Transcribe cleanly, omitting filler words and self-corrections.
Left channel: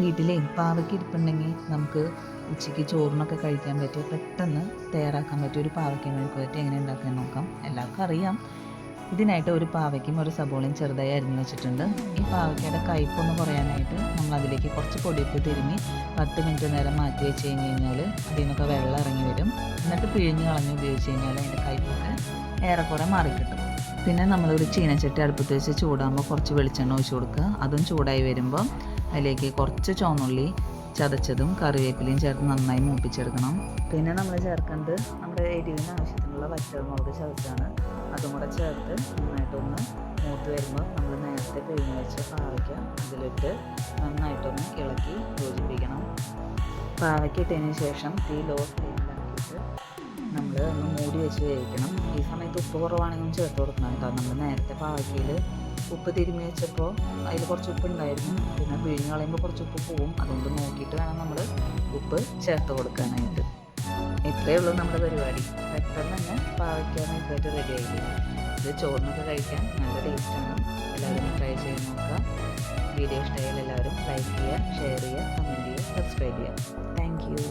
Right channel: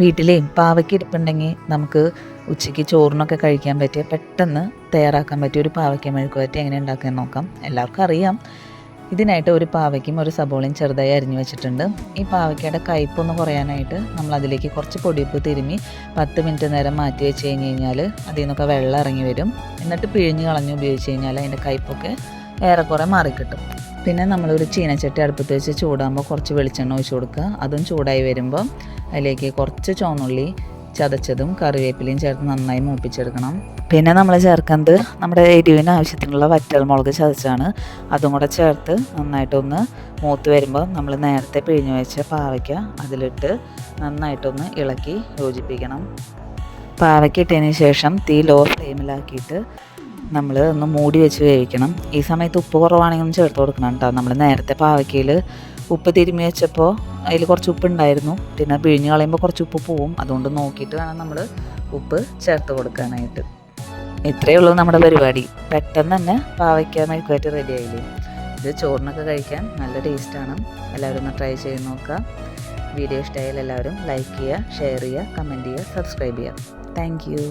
വീട്ടിലേ പാവയ്ക്ക ഇരിപ്പുണ്ടെങ്കിൽ നമുക്ക് ഉച്ചയ്ക്ക് ചോറിനൊക്കെ കഴിക്കാൻ പറ്റിയ പെട്ടെന്ന് തയ്യാറാക്കാൻ പറ്റിയ ഒരു പാവയ്ക്ക മെഴുക്കുവരട്ടി എങ്ങനെ ഉണ്ടാക്കാൻ നോക്കാം. എല്ലാവർക്കും അറിയാം. ഇതിനായിട്ട് ഒരു പാവയ്ക്കും ഒരു സബോളയും ചെറുതായി അരിഞ്ഞു വെച്ചിട്ടുണ്ട്. ഈ പാവയ്ക്കയുടെ കയ്പൊന്ന് കുറയാനായിട്ട് നമ്മൾ അതിലേക്ക് കുറച്ച് പൊടിയുപ്പ് തിരുമ്മി 10 മിനിറ്റ് നേരം മാറ്റി വെച്ച് കഴിഞ്ഞാൽ അതിൽ നിന്നൊക്കെ വെള്ളം ഇറങ്ങി വരും. എന്നിട്ട് പിഴിഞ്ഞ് കളഞ്ഞ് ഉപയോഗിച്ച് കഴിഞ്ഞാൽ അതിൻ്റെ കയ്പൊക്കെ ഏറെക്കുറെ മാറിക്കിട്ടും. പിന്നെ നമ്മളൊരു ചീനച്ചട്ടി അടുപ്പത്ത് വെച്ച് ചൂടാകുമ്പോൾ കുറച്ച് വെളിച്ചെണ്ണ ഒഴിച്ച് കൊടുക്കുക. അതും ചൂടായി വരുമ്പോൾ അതിലേക്ക് കുറച്ച് ചുവന്നുള്ളി ചതച്ചതും കറിവേപ്പിലയും ചേർത്ത് നന്നായി മൂപ്പിച്ചെടുക്കണം. പിന്നെ നമ്മൾ ചേർക്കുന്നത് നമ്മുടെ എരിവിന് ആവശ്യത്തിനുള്ള വറ്റൽമുളക് ചതച്ചാണ്. അതും കൂടെ ചേർത്ത് നന്നായിട്ടൊന്ന് മൂത്ത് വരുമ്പോൾ നമ്മൾ നേരത്തെ പിഴിഞ്ഞ് വെച്ച പാവയ്ക്ക അതിലിട്ട് നന്നായിട്ടൊന്ന് ഇളക്കി യോജിപ്പിക്കണം. പാവയ്ക്ക ഇട്ടതിന് ശേഷം തീ ലോ ഫ്ലെയിമിലാക്കിയിട്ട് നമ്മൾ ഒന്ന് മൂടി വെച്ച് വേവിക്കണം. ഈ സമയത്ത് ഉപ്പ് കുറവാണെങ്കിൽ ഒന്ന് ചേർത്ത് കൊടുക്കണം കേട്ടോ. നമ്മൾ നേരത്തെ പാവയ്ക്കയിൽ ഉപ്പ് തിരുമ്മി വെച്ചപ്പോൾ അതിൽ കുറച്ച് ഉപ്പ് ഉണ്ടായിരുന്നു. പിന്നെ പിഴിഞ്ഞ് കളയുമ്പോൾ കുറച്ച് ഉപ്പ് പോവും. അതുകൊണ്ട് നോക്കിയിട്ട് വേണം നമ്മൾ ഉപ്പ് ചേർത്ത് കൊടുക്കാനായിട്ട്. ഇത്രയേ ഉള്ളൂ നമ്മുടെ പരിപാടി. പെട്ടെന്ന് തന്നെ പാവയ്ക്ക മെഴുക്കുവരട്ടി റെഡി ആയില്ലേ. ഇത് ചോറിനൊക്കെ കഴിക്കാൻ നല്ല ടേസ്റ്റാണ്. എല്ലാവരും ഒന്ന് ട്രൈ ചെയ്ത് നോക്കുക. വീഡിയോ ഇഷ്ടമായാൽ എല്ലാവരും ലൈക്ക് ചെയ്യുക, ഷെയർ ചെയ്യുക, കമൻറ്റ് ചെയ്യുക, സബ്സ്ക്രൈബ് ചെയ്യുക. Thank you.